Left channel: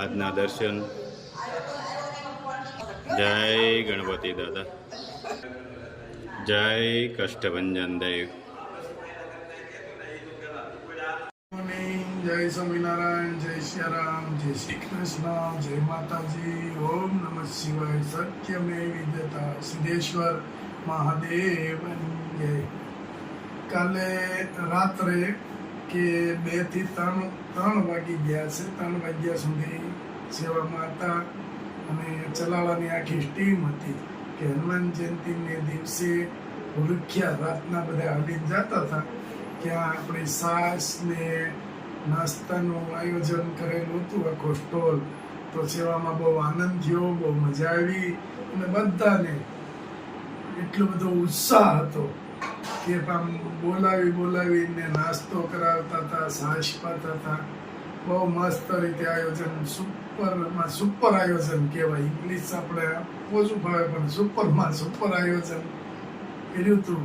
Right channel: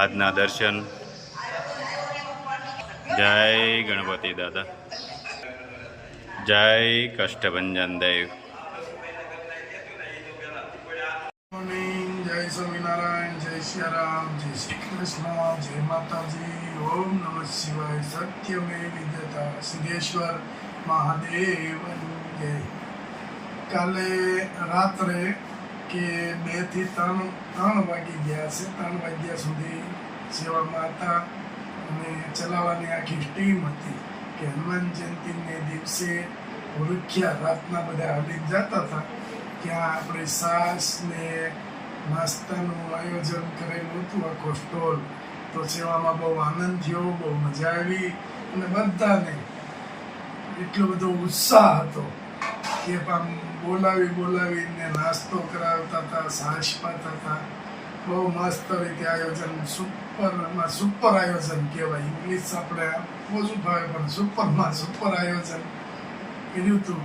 આજના દર્શન। જય ગણપતિ દાદા, જય કષ્ટભંજન દેવ। જય સ્વામિનારાયણ, જય સિયારામ, જય શ્રી કૃષ્ણ, જય માતાજી, ઓમ નમઃ શિવાય, સત્યમે વિદ્યતા, સિદ્ધેશ્વર મહાદેવ જય। કાલે રાત્રે કે 2 થી 3 વાગી ગયા છે, 3 વાગ્યા સુધી સેવામાં હતા અને ચલાવવાની આખી ટીમ હતી કે હનુમાન જયંતિને દિવસે ભૂલખ્યા રાતના બધા હાલીને જતા હતા, ત્યાં આપણે સાસ ને નાસ્તાનું આયોજન કરેલું હતું, આખો સ્ટોલ। તો સેવામાં બહુ આનંદ થયો, બહુ મજા આવી અને બધાને એટલો બધો ઉત્સાહ હતો કે આમ બોલાવીને નાસ્તો કરાવતા હતા, સાસ પાતા હતા। બહુ મસ્ત રીતે આયોજન, સુપર આયોજન કહેવાય, ઇંગ્લિશ આપણે ઓછું ફાવે પણ સુપર આયોજન કર્યું હતું।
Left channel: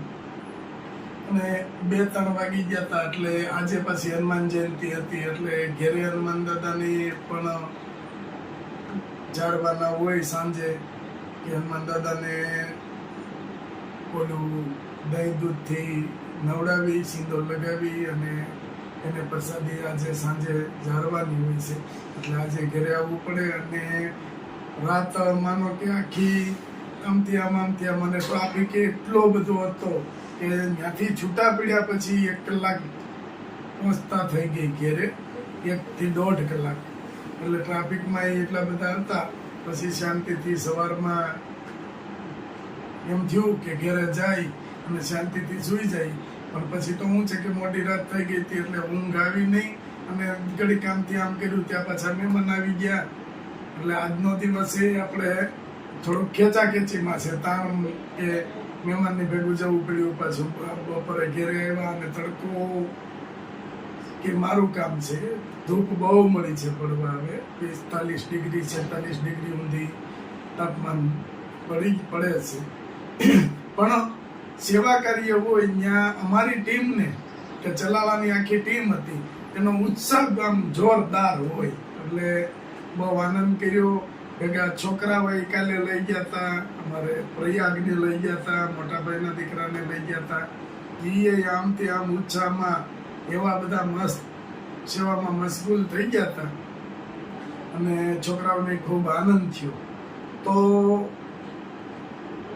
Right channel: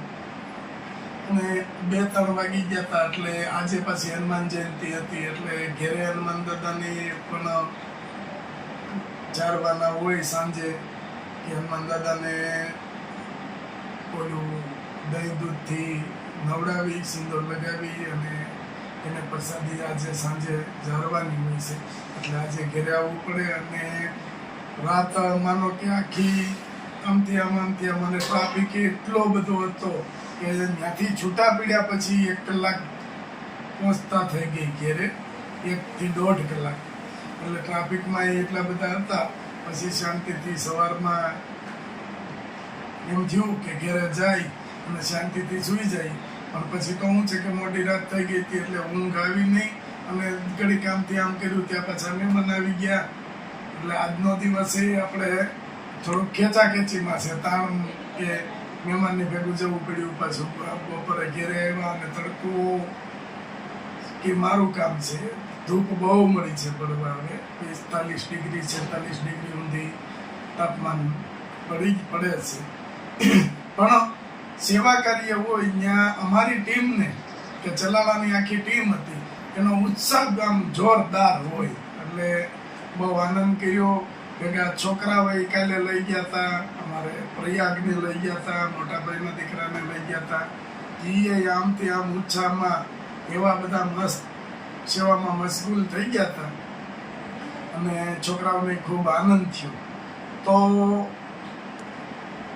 અને 2-3 વાગી ગયા હતા એટલે આજે પાછી હનુમાન જયંતિ હતી એટલે ઘેરે હનુમાન દાદાની પણ જાળવાના હોય સાંજે કે હનુમાન દાદાને ઓલું દહીં દૂધથી નવડાવી, સિંદૂર લગાવી અને એને પ્રસાદી આજે સાંજે જાળવાની હોય છે એટલે આજે ઘેરે આવવું પડે। અને રાત માનો કે આખી આમથી આમ મને ટ્રાફિક એટલો બધો હતો કે ત્યાંથી છૂટા પડ્યા પછી 1 કલાક પહોંચતા થઈ ગઈ ઘેરે, 1 થી 1.5 કલાક એટલે ટ્રાફિકમાં એટલા બધા હતા। પછી શાંતિથી સવારમાં એમ થયું કે ઘેરે જાય અને શાંતિથી સૂઈ જાય, પણ પછી તો શું છે કે મોટી રાત થઈ ગઈ હતી એટલે ઊંઘ આવી નહીં અને ઘડી કામથી આમ કર્યું, ત્યાં પાછા મહેમાન આવી ગયા એટલે આજનો દિવસ એ આપણે થોડુંક ખેંચાખેંચીમાં છે, તાણ કે મહેમાનની ભેગું જવું પડ્યું, પાછું બપોરે ઘેરે આવ્યા અને તડકો કે મારું કામ છે, ધૂપ બહુ મળી છે પડવા, હવે 45 ડિગ્રી 46 ડિગ્રી સુધી તાપમાન પડે છે। પણ સેવા કાર્ય હોય ત્યાં અમારી ટીમને કે ચલાવવાની આખી ટીમ હતી, એનો ઉત્સાહ આમ જોરદાર હોય એટલે બહુ આનંદ કર્યો। ભેગા છોકરાઓ કાલે લઈ ગયા હતા, અમારે પ્રયાગને લઈ ગયા હતા, મોટા ભાઈના દીકરાને લઈ ગયા હતા, એ આમથી આમ ઉત્સાહમાં એવા બધા મસ્ત સેવામાં મશગુલ થઈ ગયા હતા અને છોકરાઓને ખૂબ આનંદ થયો। તો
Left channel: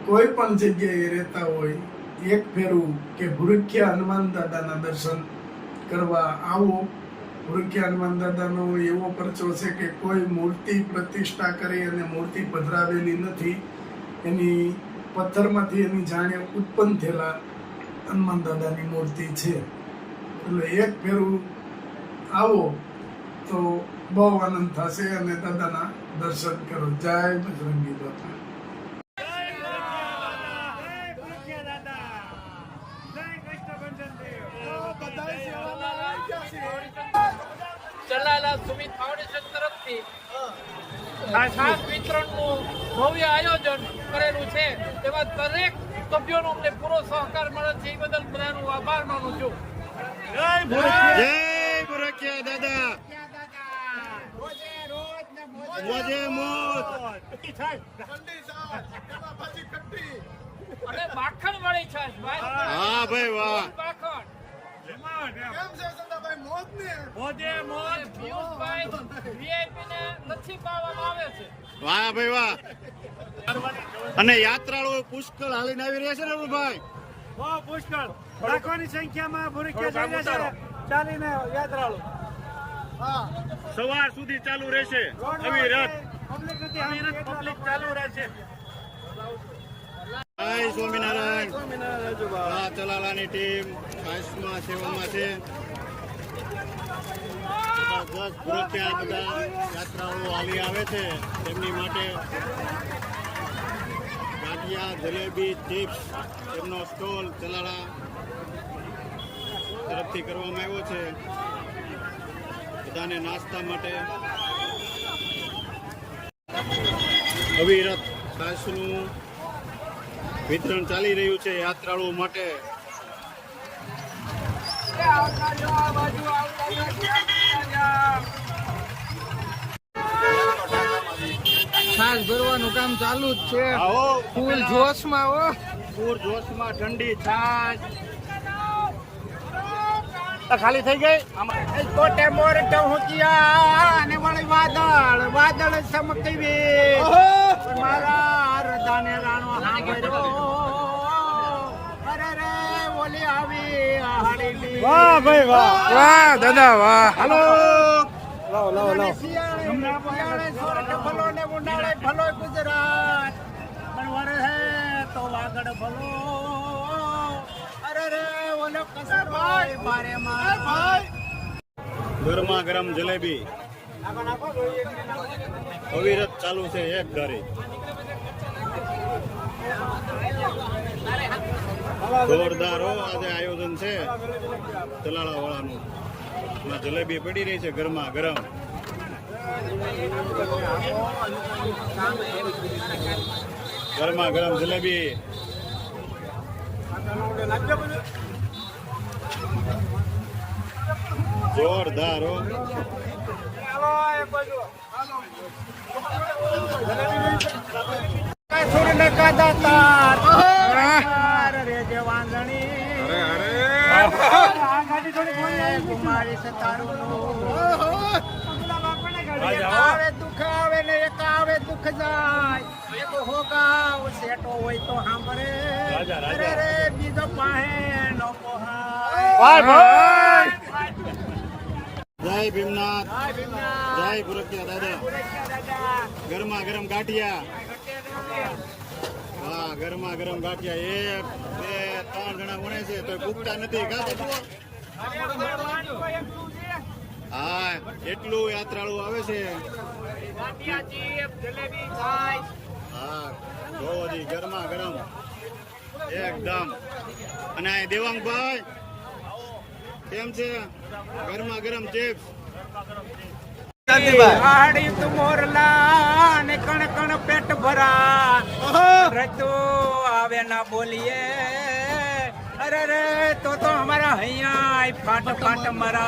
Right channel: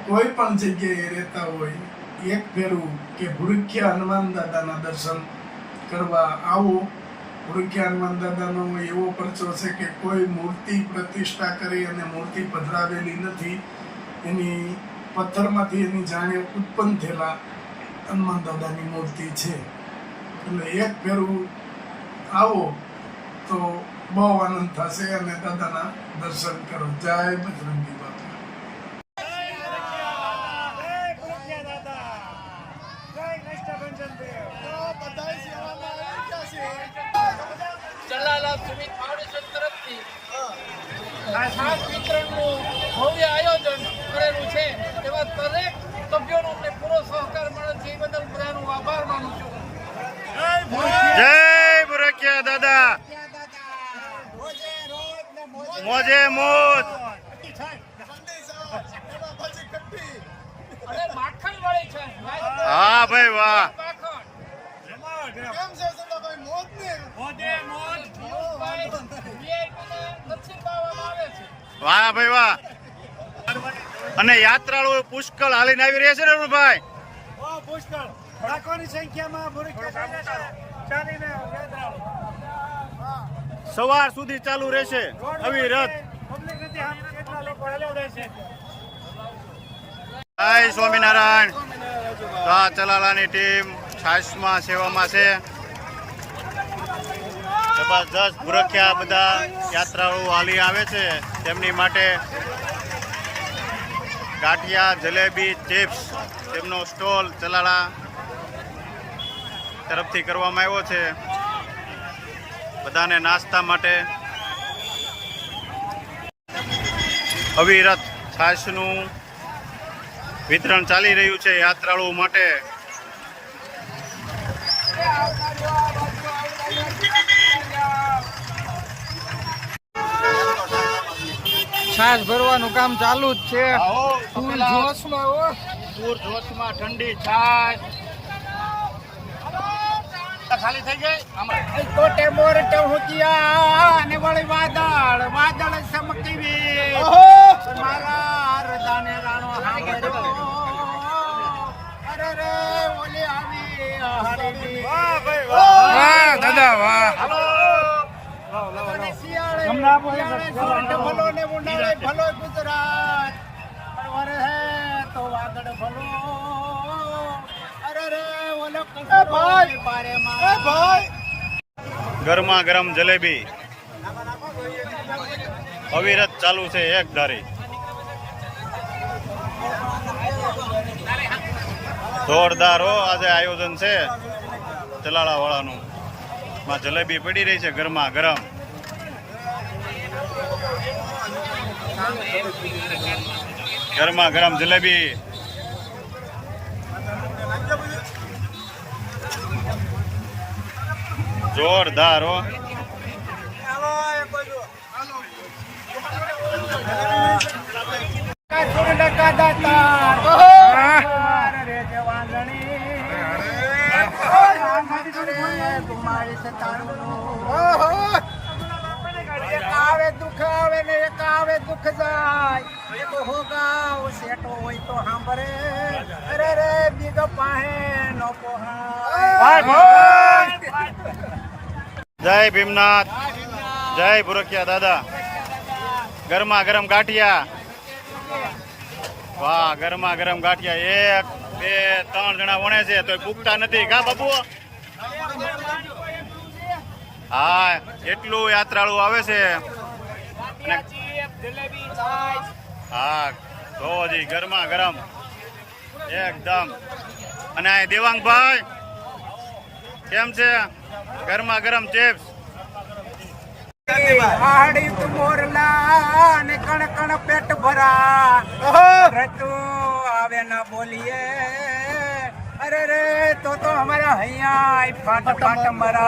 કોઈ પણ જગ્યાએ રહેતા હોય, એક ફેરું કે ભૂરખ્યા હનુમાન દાદાના દર્શન કરવા આવો। ભૂરખ્યા હનુમાન દાદાનો એવો પરચો છે કે કોઈ મૂર્તિ પ્રતિષ્ઠા કરી અને મૂર્તિ પધરાવેલી નથી, એની પથ્થરમાંથી એની જાણે ઉત્પન્ન થયેલા હનુમાન દાદાની મૂર્તિ છે એટલે એક ફેરું આવો તો બહુ આનંદ થશે અને દાદાના દર્શન કરો। જય બજરંગી બાપા। જલાલા સુમિત ફાઉન્ડેશન તરફથી ખાસ વિતરણનું ભવ્ય આયોજન કરેલું છે, તેમાં દરેક સભ્યોનો અમને પૂરો સહકાર મળે છે, એ બદલ બધાનો આભાર માનું છું। જય ભૂરખ્યા દાદા, મોજે મોજ। અને માખણ વાળી છે, હા ભાઈ વાહ, વાહ ભાઈ વાહ। અને યાત્રાળુઓ પુષ્કળ હાલીને આવી રહ્યા છે ને ભાઈ, બહુ પુષ્કળ લાખોની સંખ્યામાં ભૂરખ્યા જઈને છે ચાલીને યાત્રાળુ સવાર સુધી ચાલુ રહેશે અવિરત। પબ્લિક નથી આમ કેટલા લોકો ચાલુ રહેશે। જય સ્વામિનારાયણ। આ ચલાલાની ટીમ છાસમાં સેવામાં છે, જબરદસ્ત ભૂરખ્યા બધા યાત્રાળુઓ હાલી આવે છે, તેમની માટે ગાંઠિયા, જલેબી, ચિપ્સ તેમનો સ્ટોલ ચલાલા તરફથી કરવામાં આવ્યો છે બધાને નાસ્તા માટે। અવિરત છાશનું વિતરણ ચાલી રહ્યું છે યાત્રાળુઓ માટે। છાસ ભરવાનું કામ ચાલુ જ છે. આવો ફૂલ જોશમાં હો. પૂર જોશમાં ઠંડી છાશ ખાલી થઈ ગઈ. કોટે મોર ટહુકિયા અને વળી વાદળ વાદળ ચમકીવી મારા હૃદયને રાણો સાંભળ્યો. અરે રે ઓલી આવી હાડી. વાહ ભાઈ વાહ દાદા વાહ. હમણાં ભલો ને ઉનાળે ભલો ગુજરાત પણ વરે હે તો વાગડ ભલો. અરે રે ઓલો કસરો બારે માં. ગરમા ગરમ જલેબી અવિરત ચાલુ છે એક ધારી. જોરદાર હો આજે આયોજન છે ચલાળા વાળાનું. માં જલેબી પડી રહી છે ગરમા ગરમ. ગરમા ગરમ જલેબી. જોરદાર હો. સુર લકા દાતાર રે જવાંદણી ગુમાવી તારું નું. એક આવે દુઃખ આવે ને એક આવે દુઃખ જાય. એક હોગાવ સેટો હોય તો સાંભળે. અરે રે બીજો પાહે નો પોહાય. જય ભીમનાથ, જય ભુરકિયા દાદા. ગરમા ગરમ ગાંઠિયા. વાહ ગરમા ગરમ ગાંઠિયા 1 2 3 જણા વણે છે તો પૂગતા નથી કા બાબુ. હા એટલું યાત્રાળુ આવે છે. હા જોજી ગરમા ગરમ એકદમ. અને આ દેવાંગભાઈ કેમ છે? ગરમા ગરમ ચિપ્સ. હાડી તું મોરલા ને કણ કણ પેટ ભરા. રતું આવે ના બોલીએ. અરે રે તો અમારા હૈયા ફાટ ફાટ મરા.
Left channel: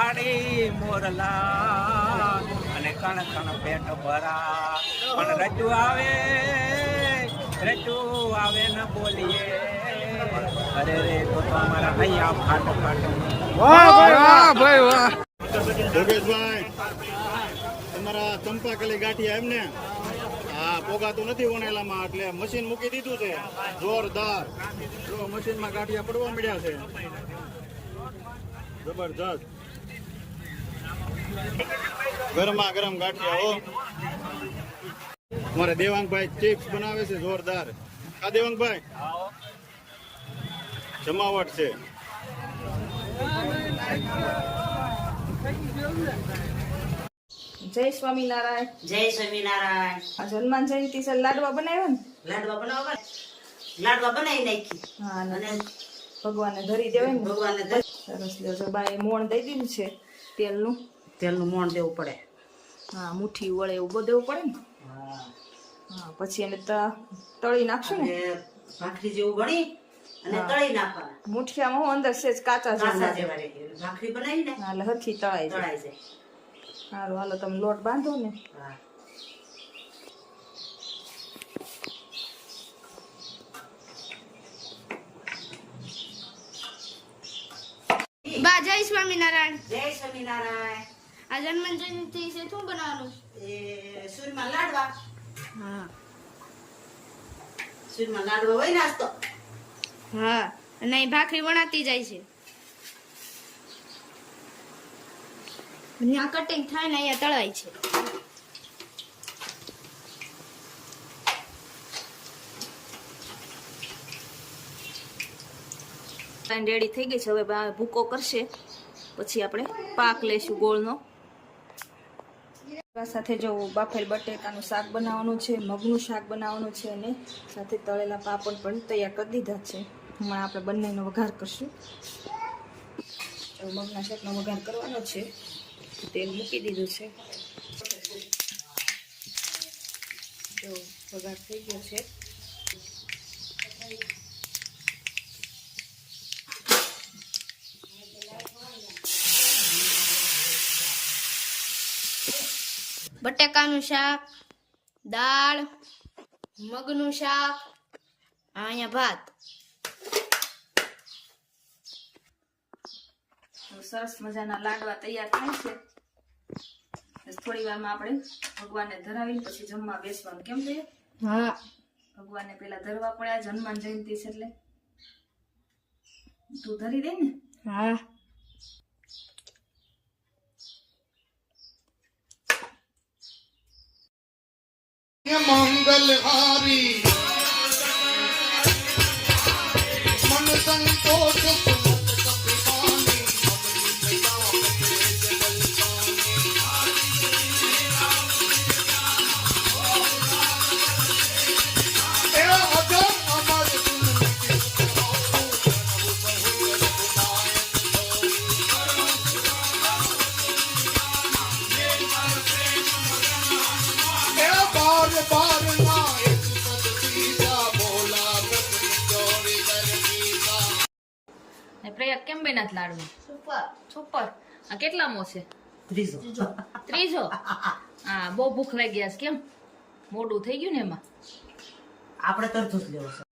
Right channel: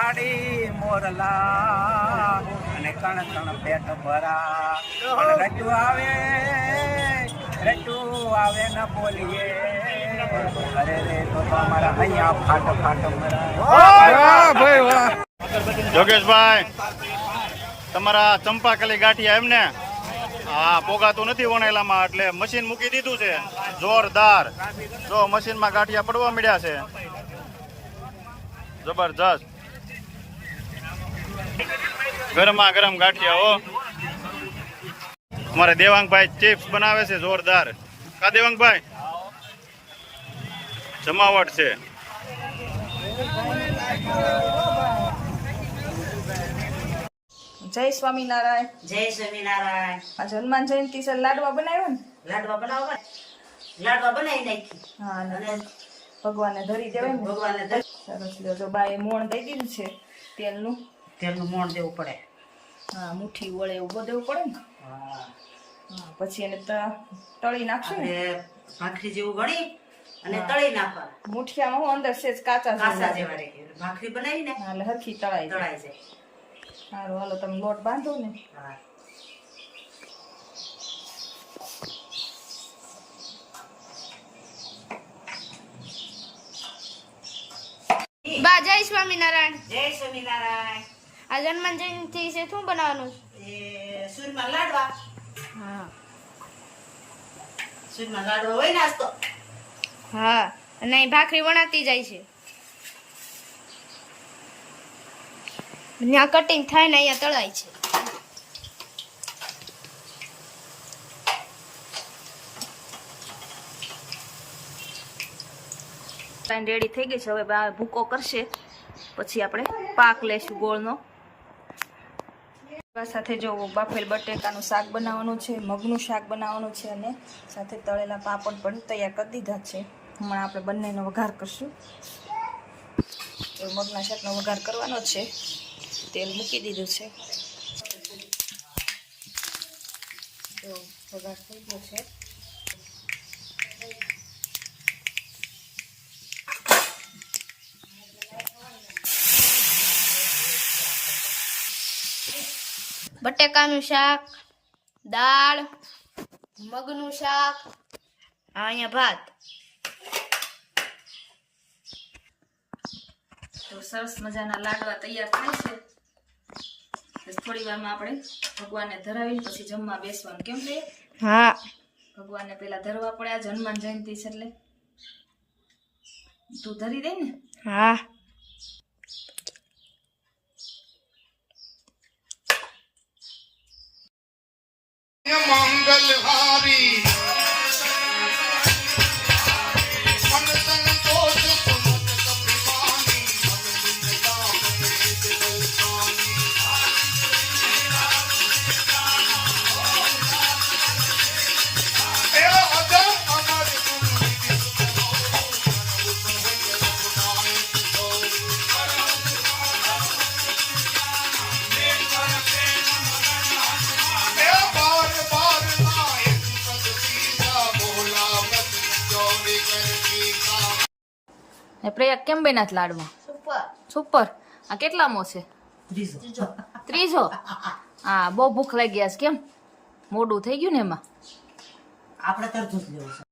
હાડી મોરલા અને કણ કણ પેટ ભરા. રતું આવે ના બોલીએ. અરે રે તો અમારા હૈયા ફાટ ફાટ મરા. વાહ ભાઈ વાહ. જોગેશભાઈ તમારા ચંપાકલી ગાંઠિયા એમને હા પોગાતું નથી વણેલામાં એટલે મશીન મૂકી દીધું છે જોરદાર. જો મશીનમાં ગાંઠિયા પડવા મળ્યા છે જબરજસ્ત. ગરમા ગરમ ગાંઠિયા હો. અમારે દેવાંગભાઈ ચિપ્સ બનાવે છે જોરદાર. કા દેવાંગભાઈ જમાવટ છે. જય સ્વામિનારાયણ. જય સ્વામિનારાયણ. આજ હનુમાન જયંતિ છે લાડવા બનાવ્યો ને? લાડવા બનાવો. લાડવા બનાવી નાખી. હા અને ભગવાનને ધરી દેવાય ને. ભગવાનને સરસ લ્યો. જો બાએ મોણ દઈ દીધું છે તેલનું. તેલનું મોણ દેવું પડે. હા મુઠ્ઠી વળે એવું બધું દેવું પડે ને. હા પછી એને તળી નાખશું ને. ભાખરી જેવું ગણી અને તળી નાખવાના. મુઠિયામાં હું અંદર સેજ કાચા જેવું કાચા લાગે. જેવા રહે. ભાખરી બનાવી ને હા એટલે હરખી તળાઈ જાય. તળાઈ જાય. સારું હાલો તમે લોટ બાંધો ને. હા. બા જય સ્વામિનારાયણ. જય સ્વામિનારાયણ. આ હનુમાન જયંતિ છે શું બનાવવાનું? એ સૂરમાં લાડવા. હા સૂરમાં લાડવા હોય નાસ્તો. હા અને અહીં ભાખરી વણાતી જાય છે. ત્યાં કટિંગ થાય ને અહીંયા તળાય છે. રેડી થઈ ગઈ છે. હવે બા ભૂકો કરશે પછી આપણે પાક લેશું ગોળનો. સાથે જો બાફેલ બટેકાનું શાક બનાવવાનું છે, મગનું શાક બનાવવાનું છે અને સાથે તળેલા પાપડ પણ તૈયાર કરી દીધા છે. હમણાં આપણે બંનેનો વઘાર કરશું. તો મગના શાકનો વઘાર કરવાનો છે. તેલ મૂકી દીધું છે. જો વઘાર થઈ ગયો છે. બટેકાનું શાક, દાળ, મગનું શાક, અહીંયા ભાત. તો સરસ મજાના લાડવા તૈયાર થાય છે. બસ થોડી વારમાં આપણે ભગવાનને ધરાવીને પછી જમવા બેસવાનું. કેમ છે? હા. ભગવાનને પેલા ધરવા પડે. આજ હનુમાન જયંતિ છે એટલે તું ધરી દે ને. હા. મંગલહારી મન સંતોષ સુમત કપિવાની એ અજર અમર बार बार नायक सतसीजा बोला बदन चोरी करनी का એ પ્રયાગ કેમ બન્યા છે લાડવા? સુપર. આ કેટલામો છે? ત્રીજો. હા, બહુ ભૂખ લાગી ગયા છે. કેમ મોડું થઈ ગયું ને એમાં? આપણે તરતું જ લેવું છે.